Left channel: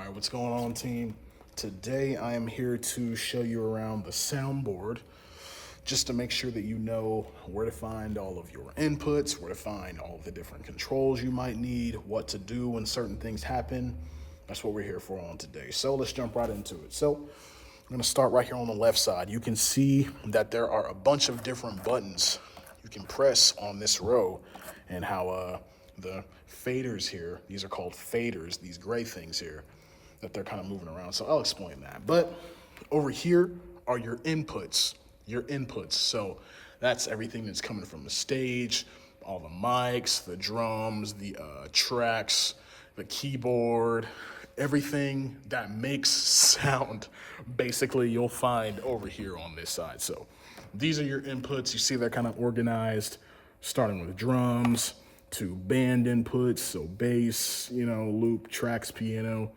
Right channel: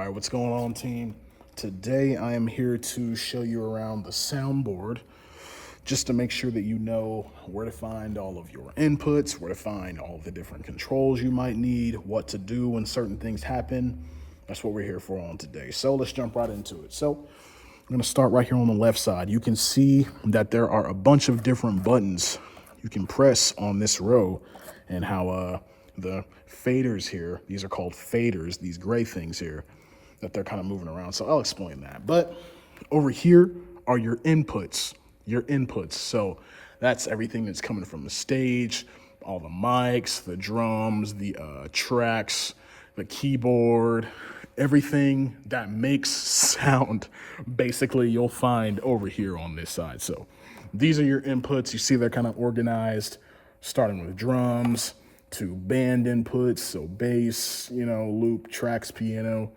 right, what's going on, team? Today I am here to show you around the soundboard just to make sure that you know where to find all of your inputs, where to find all of the different controls you might need, what to do when certain things happen. That's what we're here for on today. So let's jump right into it. So I'm gonna start right here on the left side. You can see that there are a bunch of different buttons you can press on this row, and how the faders here, these are called faders, these gray things here, that they're kind of moving around. So I'll explain that. But over here are your inputs, So that's everything that's coming from the stage, all the mics, the drums, the tracks, the keyboard, everything that makes sound, basically you'll find over here on this side. So these are your inputs. You see they're kind of organized, starting with drums to band inputs, so bass, loop, tracks, piano,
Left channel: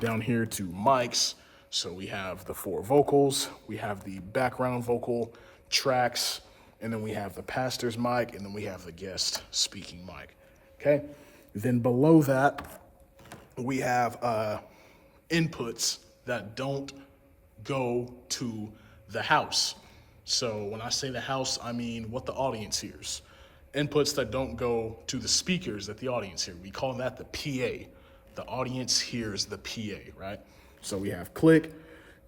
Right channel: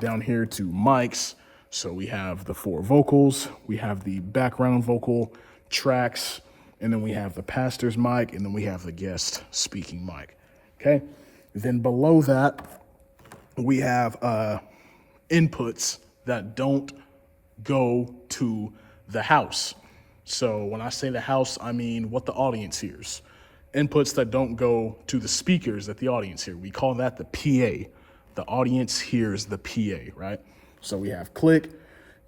down here to mics. So we have the 4 vocals, we have the background vocal tracks, and then we have the pastor's mic, and then we have the guest speaking mic, okay? Then below that, we have inputs that don't go to the house. So when I say the house, I mean what the audience hears. Inputs that don't go to the speakers that the audience hears. We call that the PA. The audience hears the PA, right? So we have click,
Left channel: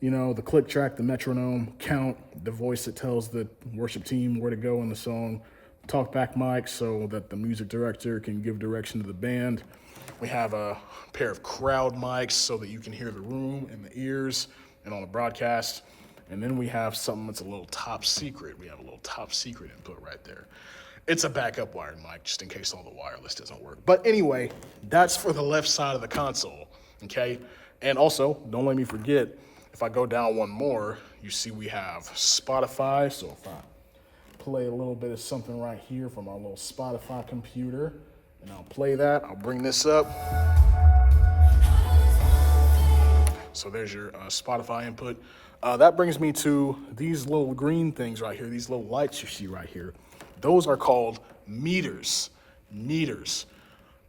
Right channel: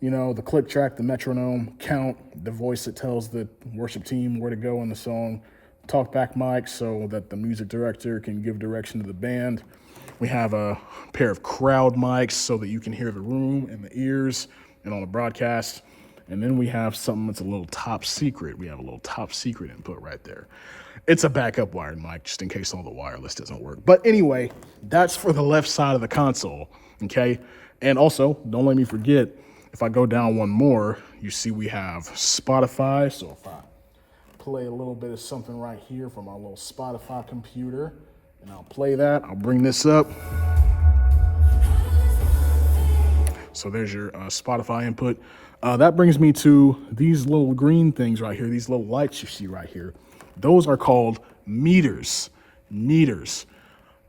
the click track, the metronome, count, the voice that tells the worship team where to go in the song, talkback mic so that the music director can give direction to the band. We have a pair of crowd mics so that you can hear the room and the ears and on the broadcast. And then we have something that's a little top secret. We have a little top secret input right there. It's a backup wired mic, just in case all the wireless doesn't work. But anyway, that's for the left side of the console, okay? And also, don't let me forget, if I go down one more, you see we have Spotify. So if I play a little bit of something right here from our little Spotify computer, and I'll play that, I'll bring this up. So there's your Spotify input. That brings me to these little green things right here, these little lights you see right here. Those are called meters. Meters.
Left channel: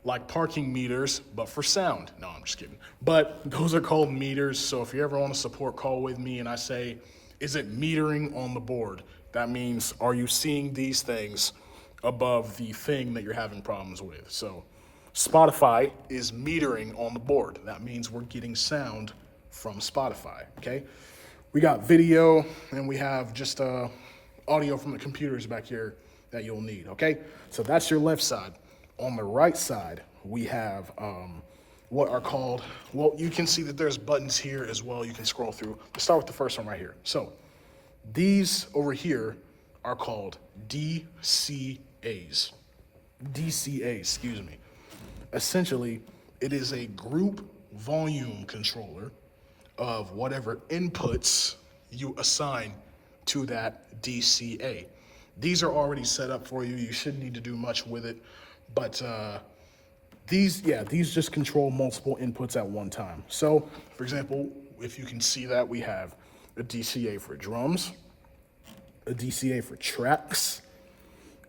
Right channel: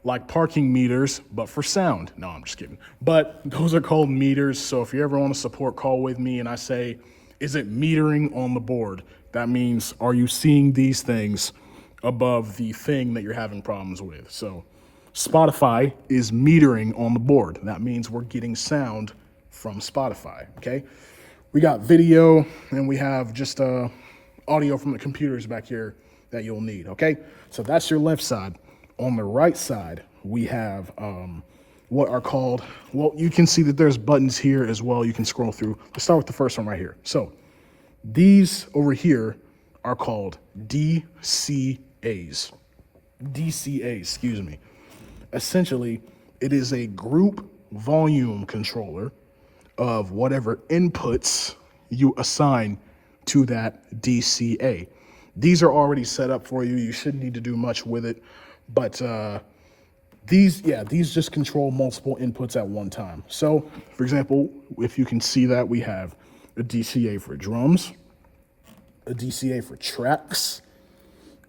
Like parking meters, but for sound. No, I'm just kidding. But those are called meters. So if you ever want a support call with me and I say, is it metering on the board? That means, are you seeing these things above the thing that you're having problems with? So Spotify is metering on the board. That means we're getting sound from Spotify, okay? We got video, and we have just audio from the computers back here that you'll need, okay? So that's your left side. On the right side, we have what are called, well, you can see that there's buttons here as well. You can scroll through. Let's start with the first one right here. So these over here are called DCAs. DCAs, excuse me. Essentially, it is a group volume controller of whatever inputs you assign to that DCA. These are already set up for you. You shouldn't need to do much with it, but these just control multiple inputs at one time. So, for example, if you can see that, we have a DCA for drums, a DCA for tracks,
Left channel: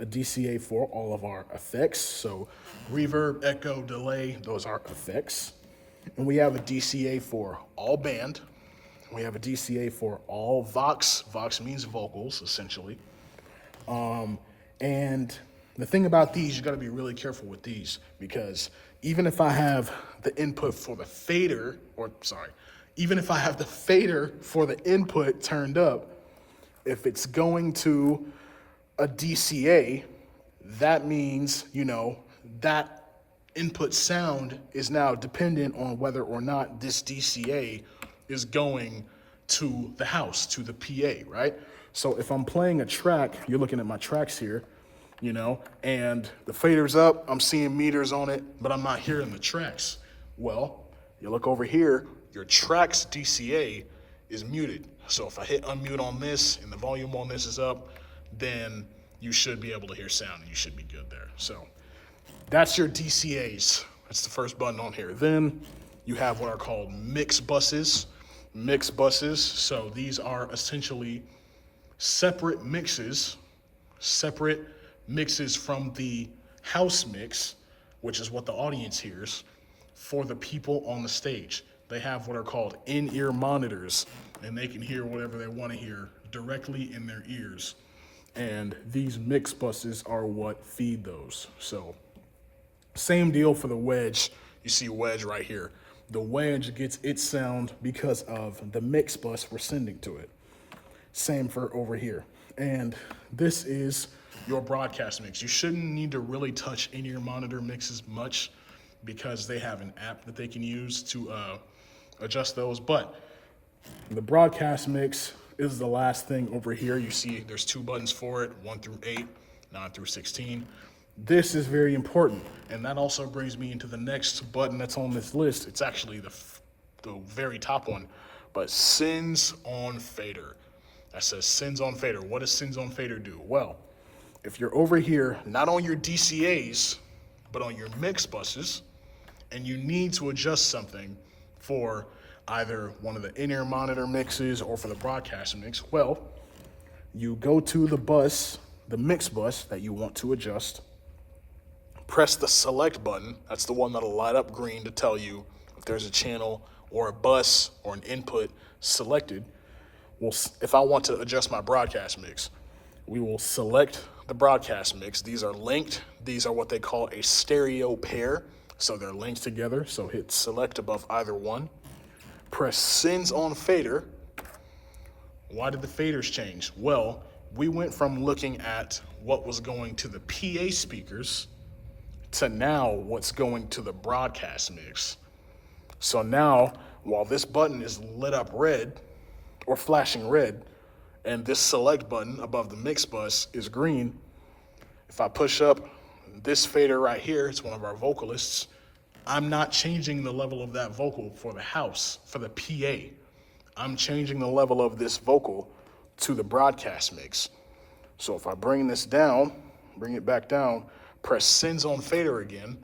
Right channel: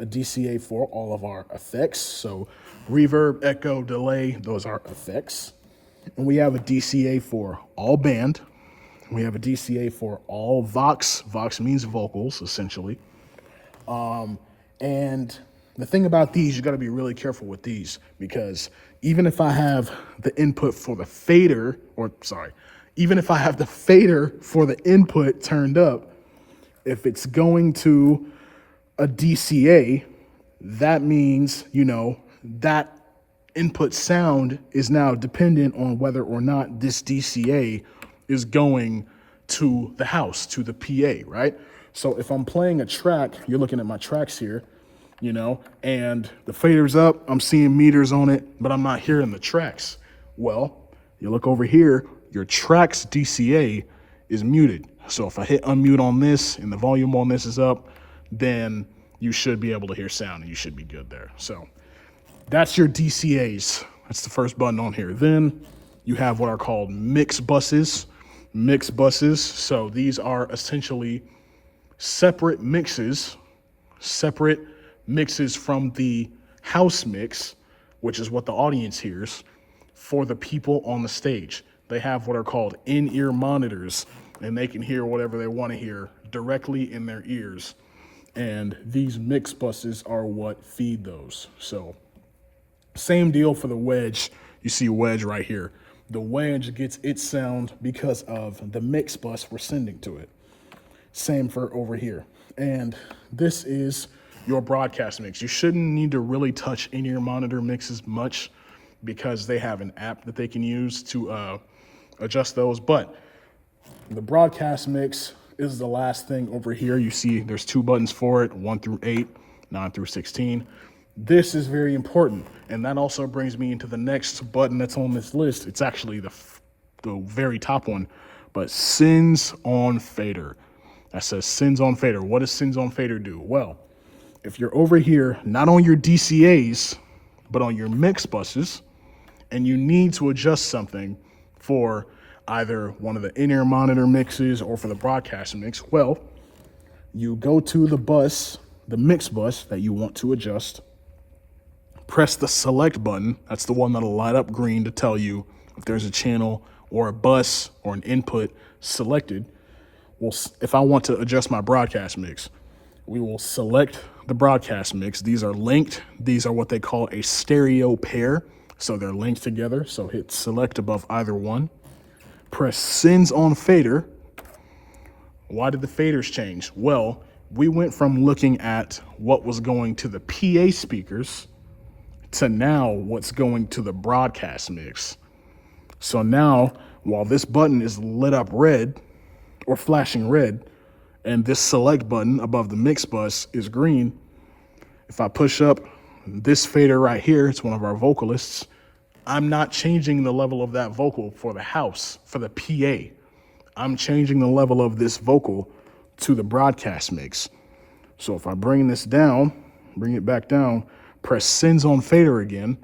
a DCA for all of our effects. So reverb, echo, delay, those are effects. And we have a DCA for all band. We have a DCA for all Vox. Vox means vocals, essentially. And the thing about these, you got to be really careful with these, because even if I have the input for the fader, even if I have the fader for the input turned up, if it's going to a DCA, that means, that input sound is now dependent on whether or not this DCA is going to the house, to the PA, right? So if I'm playing a track, you're looking at my tracks here, and the fader's up, I'm seeing meters on it, but I'm not hearing the tracks. Well, you look over here, your tracks DCA is muted. So if I hit unmute on this and the volume on this is up, then you should be able to hear sound and you should be good there. So that's your DCAs. That's the first button on here. Then you have what are called mix buses. Mix buses. So these are essentially separate mixes from the house mix, which is what the audience hears, for the people on the stage. they have what are called in-ear monitors, and they can hear whatever they want to hear directly in their ears. And these mix buses are what feed those. So same deal for the wedge. You see wedge right here. The wedge gets its sound because of the mix bus we're sending to it. Same for over here. And this is your broadcast mix. You shouldn't need to really touch in-ear monitor mixes much because they have an app that they can use to adjust those. But the broadcast mix is the last thing over here. You see there's 2 buttons for it, 1 through 8, 9 through 16. This is very important. And that also brings me into the next button that's on this list. It's actually the very top one, but Sends on Fader. That says Sends on Fader. What does Sends on Fader do? Well, if you're over here, not on your DCAs, but on your mix buses, and you need to adjust something for either one of the in-ear monitor mixes or for the broadcast mix, well, you go to the bus, the mix bus that you want to adjust, press the select button. That's the one that'll light up green to tell you if there's a channel or a bus or an input selected. Well, if I want to adjust my broadcast mix, we will select the broadcast mix. These are linked. These are what they call a stereo pair. So they're linked together. So hit select above either one. Press Sends on Fader. Why did the faders change? Well, we went from looking at what was going to the PA speakers to now what's going to the broadcast mix. So now, while this button is lit up red or flashing red, and this select button above the mix bus is green, if I push up this fader right here, it's one of our vocalists, I'm not changing the level of that vocal for the house, for the PA. I'm changing the level of this vocal to the broadcast mix. So if I bring this down, bring it back down, press Sends on Fader again,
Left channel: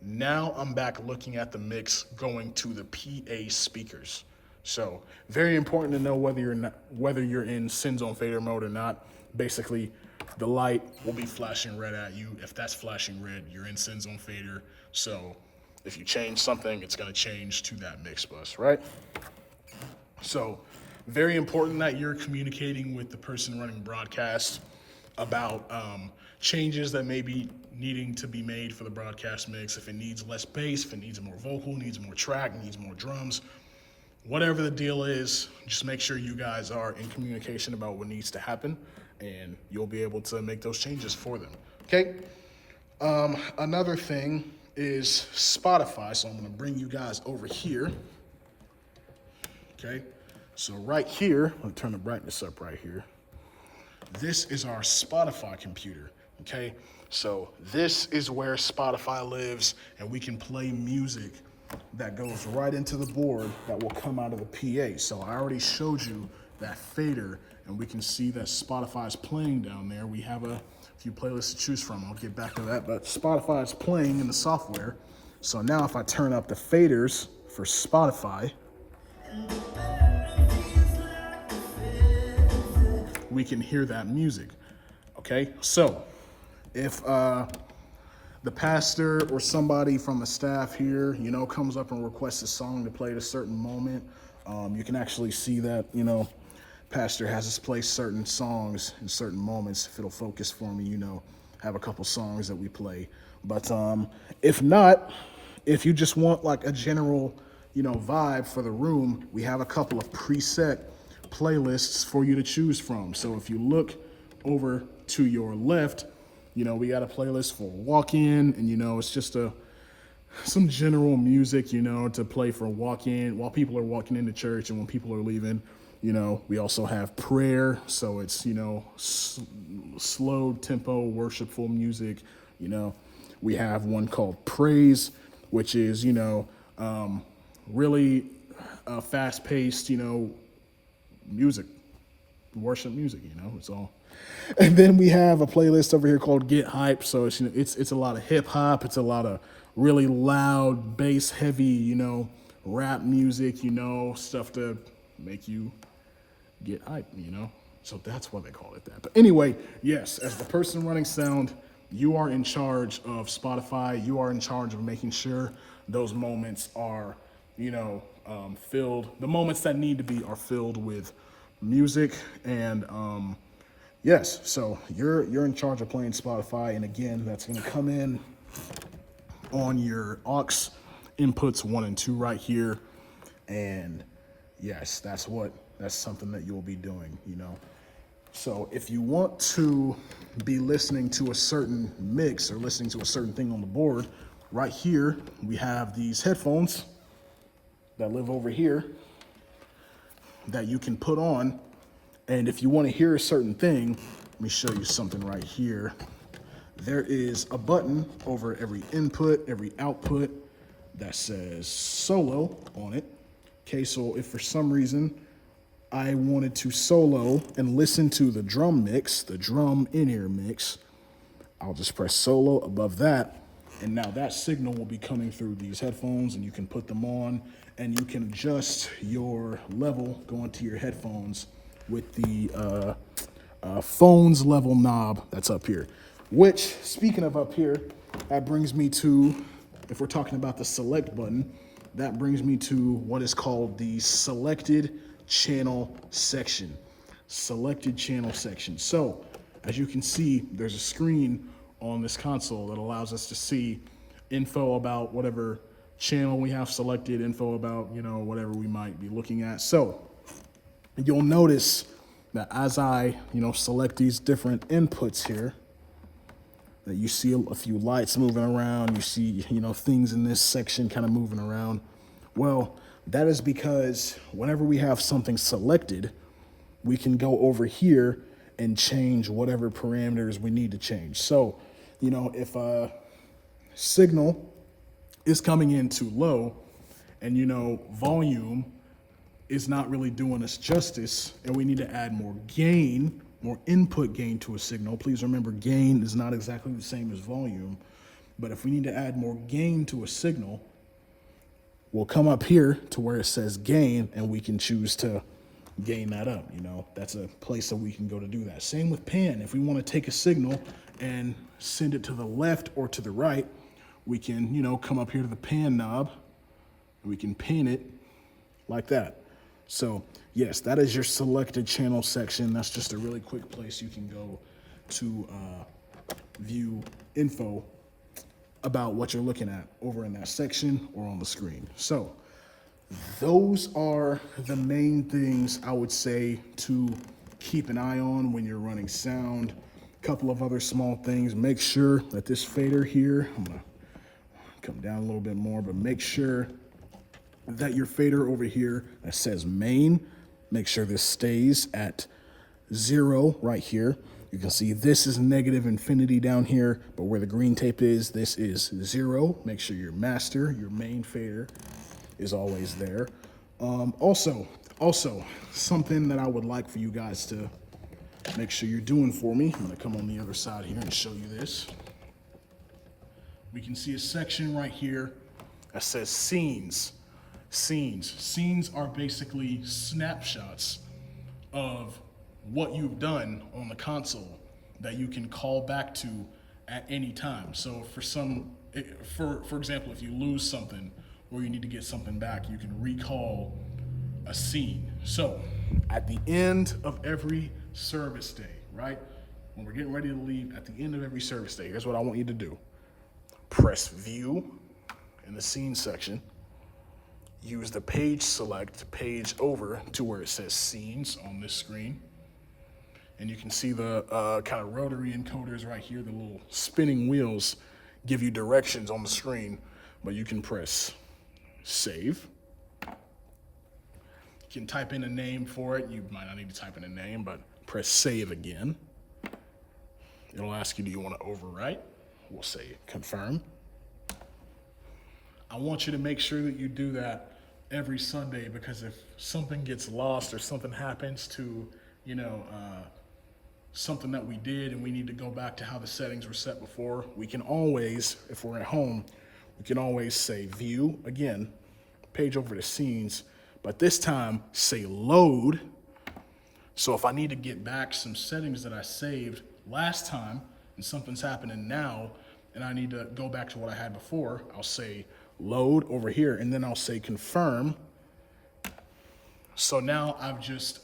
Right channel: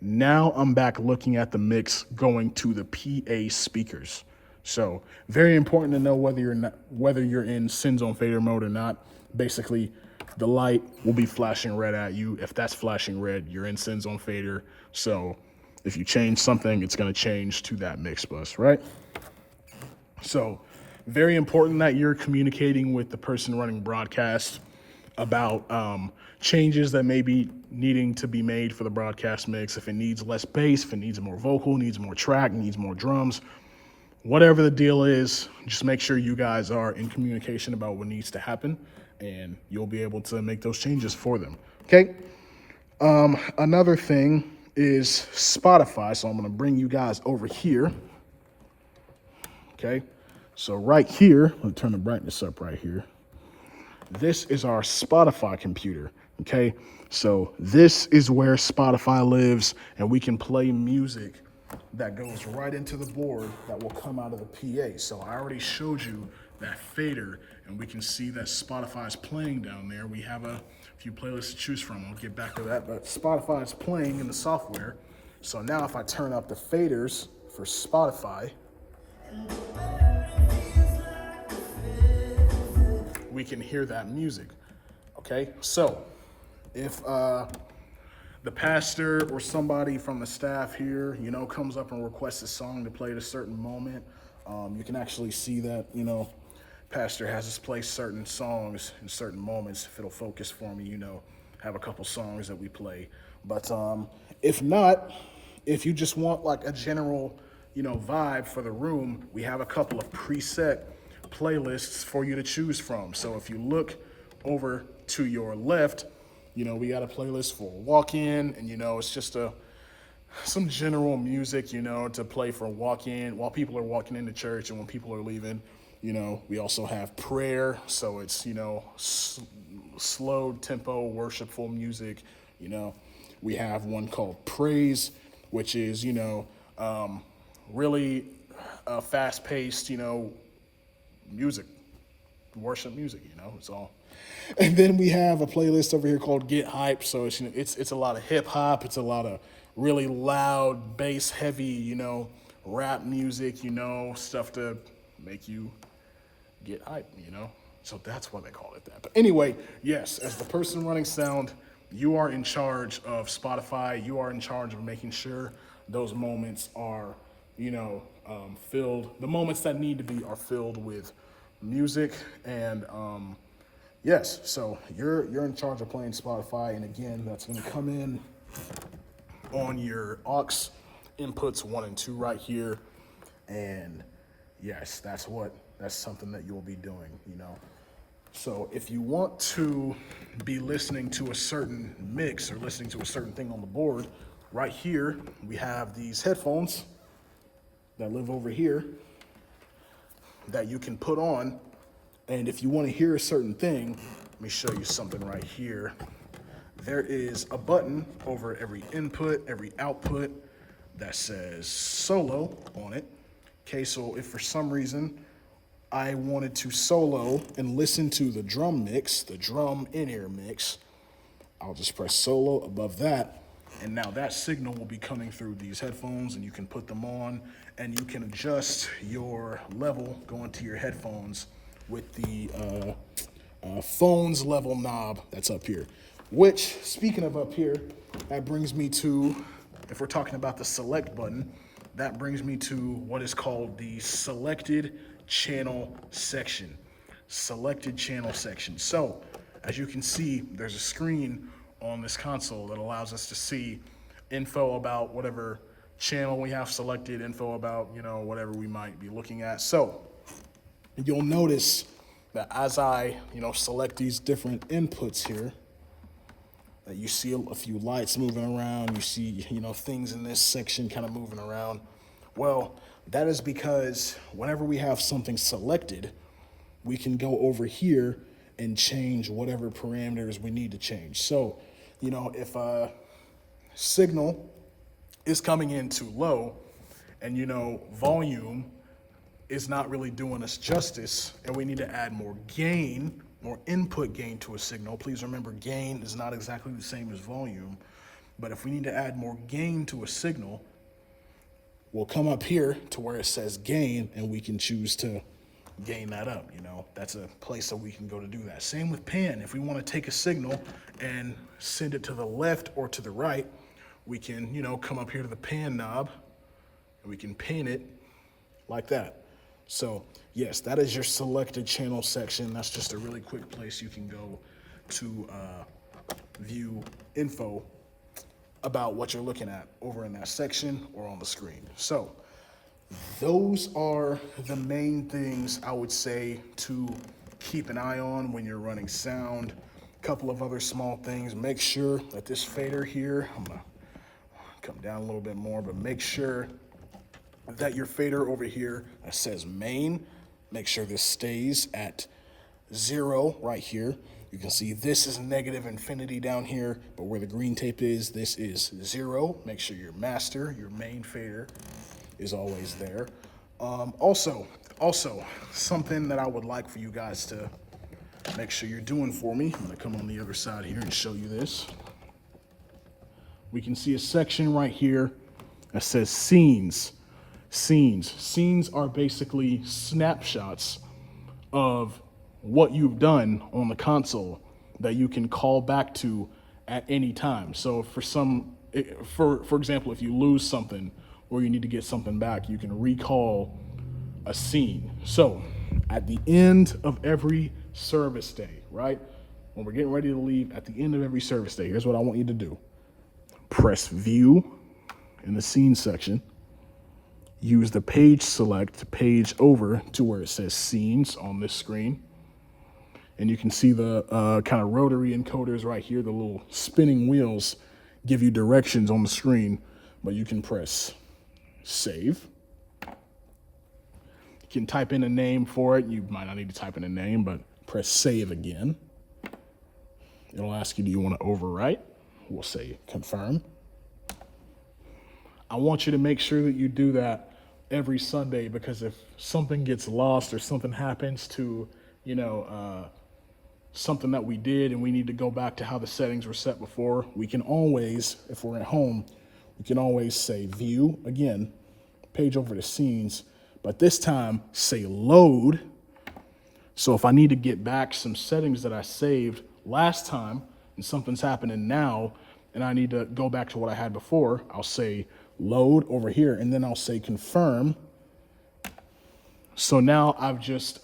now I'm back looking at the mix going to the PA speakers. So very important to know whether you're in Sends on Fader mode or not. Basically, the light will be flashing red at you. If that's flashing red, you're in Sends on Fader. So if you change something, it's going to change to that mix bus, right? So very important that you're communicating with the person running broadcast about changes that may be needing to be made for the broadcast mix. If it needs less bass, if it needs more vocal, needs more track, needs more drums, whatever the deal is, just make sure you guys are in communication about what needs to happen, and you'll be able to make those changes for them. Okay. Another thing is Spotify. So I'm going to bring you guys over here. Okay. So right here, let me turn the brightness up right here. This is our Spotify computer. Okay. So this is where Spotify lives, and we can play music that goes right into the board that will come out of the PA. So I already showed you that fader, and we can see that Spotify is playing down there. We have a few playlists to choose from. I'll get back to that, but Spotify is playing in the software. So now if I turn up the faders for Spotify, we can hear that music. Okay, so if the pastor or somebody from the staff here, comes up and requests a song to play at a certain moment, you can actually see that, pastor has us play certain songs in certain moments. If it'll focus for me, have a couple songs that we play. But if not, if you just want like a general, vibe for the room, we have a couple of preset playlists for you to choose from. So if you look over to your left, we got a playlist for walk-in, and it's just some general music, to play for walk-in while people are walking into church and when people are leaving. We also have prayer, so it's slow tempo, worshipful music. We have one called praise, which is really fast-paced, music, worship music. So. And then we have a playlist over here called Get Hype. So it's a lot of hip hop. It's a lot of really loud, bass heavy, rap music, stuff to make you get hype, So that's why they call it that. But anyway, yes, as the person running sound, you are in charge of Spotify. You are in charge of making sure those moments are filled. The moments that need to be are filled with music and yes. So you're in charge of playing Spotify, and again, that's going to come in on your aux inputs 1 and 2 right here, and yes, that's something that you'll be doing. So if you want to be listening to a certain mix or listening to a certain thing on the board, right here we have these headphones that live over here that you can put on. And if you want to hear a certain thing, let me show you something right here. There is a button over every input, every output that says solo on it. Okay, so if for some reason I wanted to solo and listen to the drum mix, the drum in-ear mix, I'll just press solo above that, and now that signal will be coming through these headphones, and you can put them on, and you can adjust your level going to your headphones with the phone's level knob that's up here. Which, speaking of up here, that brings me to, if we're talking about the select button, that brings me to what is called the selected channel section. Selected channel section. So, as you can see, there's a screen on this console that allows us to see info about whatever channel we have selected, info about, whatever we might be looking at. So, you'll notice that as I, select these different inputs here, that you see a few lights moving around, you see, things in this section kind of moving around. Well, that is because whenever we have something selected, we can go over here and change whatever parameters we need to change. So, if a signal is coming in too low and, volume is not really doing us justice and we need to add more gain, more input gain to a signal. Please remember, gain is not exactly the same as volume, but if we need to add more gain to a signal, we'll come up here to where it says gain, and we can choose to gain that up. That's a place that we can go to do that. Same with pan. If we want to take a signal and send it to the left or to the right, we can, come up here to the pan knob, and we can pan it like that. So yes, that is your selected channel section. That's just a really quick place you can go to view info about what you're looking at over in that section or on the screen. So those are the main things I would say to keep an eye on when you're running sound. A couple of other small things. Make sure that this fader here, I'm gonna come down a little bit more, but make sure that your fader over here that says main, make sure this stays at 0 right here. You can see this is negative infinity down here, but where the green tape is, this is 0. Make sure your master, your main fader, is always there. Also, something that I would like for you guys to make sure you're doing for me. I'm gonna come on the other side here and show you this. We can see a section right here that says scenes. Scenes are basically snapshots of what you've done on the console that you can call back to at any time. So for example, if you lose something or you need to get something back, you can recall a scene. So at the end of every service day, right? When we're getting ready to leave, at the end of every service day, here's what I want you to do. Press view in the scene section. Use the page select page over to where it says scenes on this screen. And you can see the kind of rotary encoders right here, the little spinning wheels give you directions on the screen, but you can press save. You can type in a name for it. You might not need to type in a name, but press save again. It'll ask you, do you want to overwrite? We'll say confirm. I want you to make sure that you do that every Sunday, because if something gets lost or something happens to, something that we did and we need to go back to how the settings were set before, we can always, if we're at home, we can always say view, again, page over to scenes, but this time say load. So if I need to get back some settings that I saved last time and something's happening now and I need to go back to what I had before, I'll say load over here, and then I'll say confirm. So now I've just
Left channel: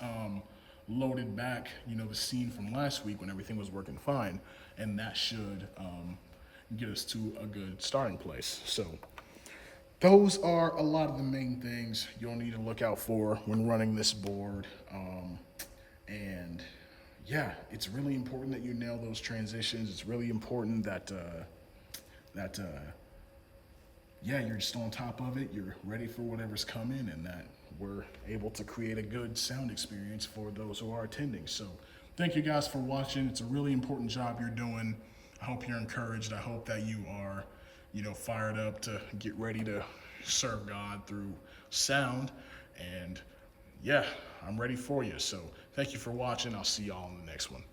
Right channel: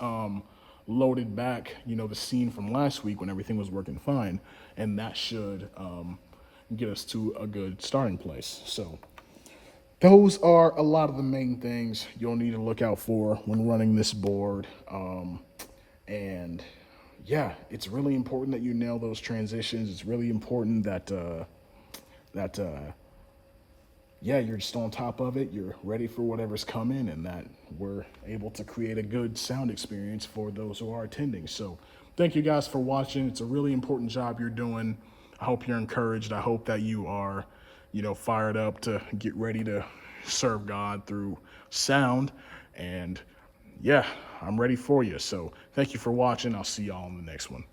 loaded back, the scene from last week when everything was working fine, and that should get us to a good starting place. So those are a lot of the main things you'll need to look out for when running this board. And yeah, it's really important that you nail those transitions. It's really important that you're just on top of it. You're ready for whatever's coming, and that we're able to create a good sound experience for those who are attending. So thank you guys for watching. It's a really important job you're doing. I hope you're encouraged. I hope that you are, fired up to get ready to serve God through sound. And yeah, I'm ready for you. So thank you for watching. I'll see y'all in the next one.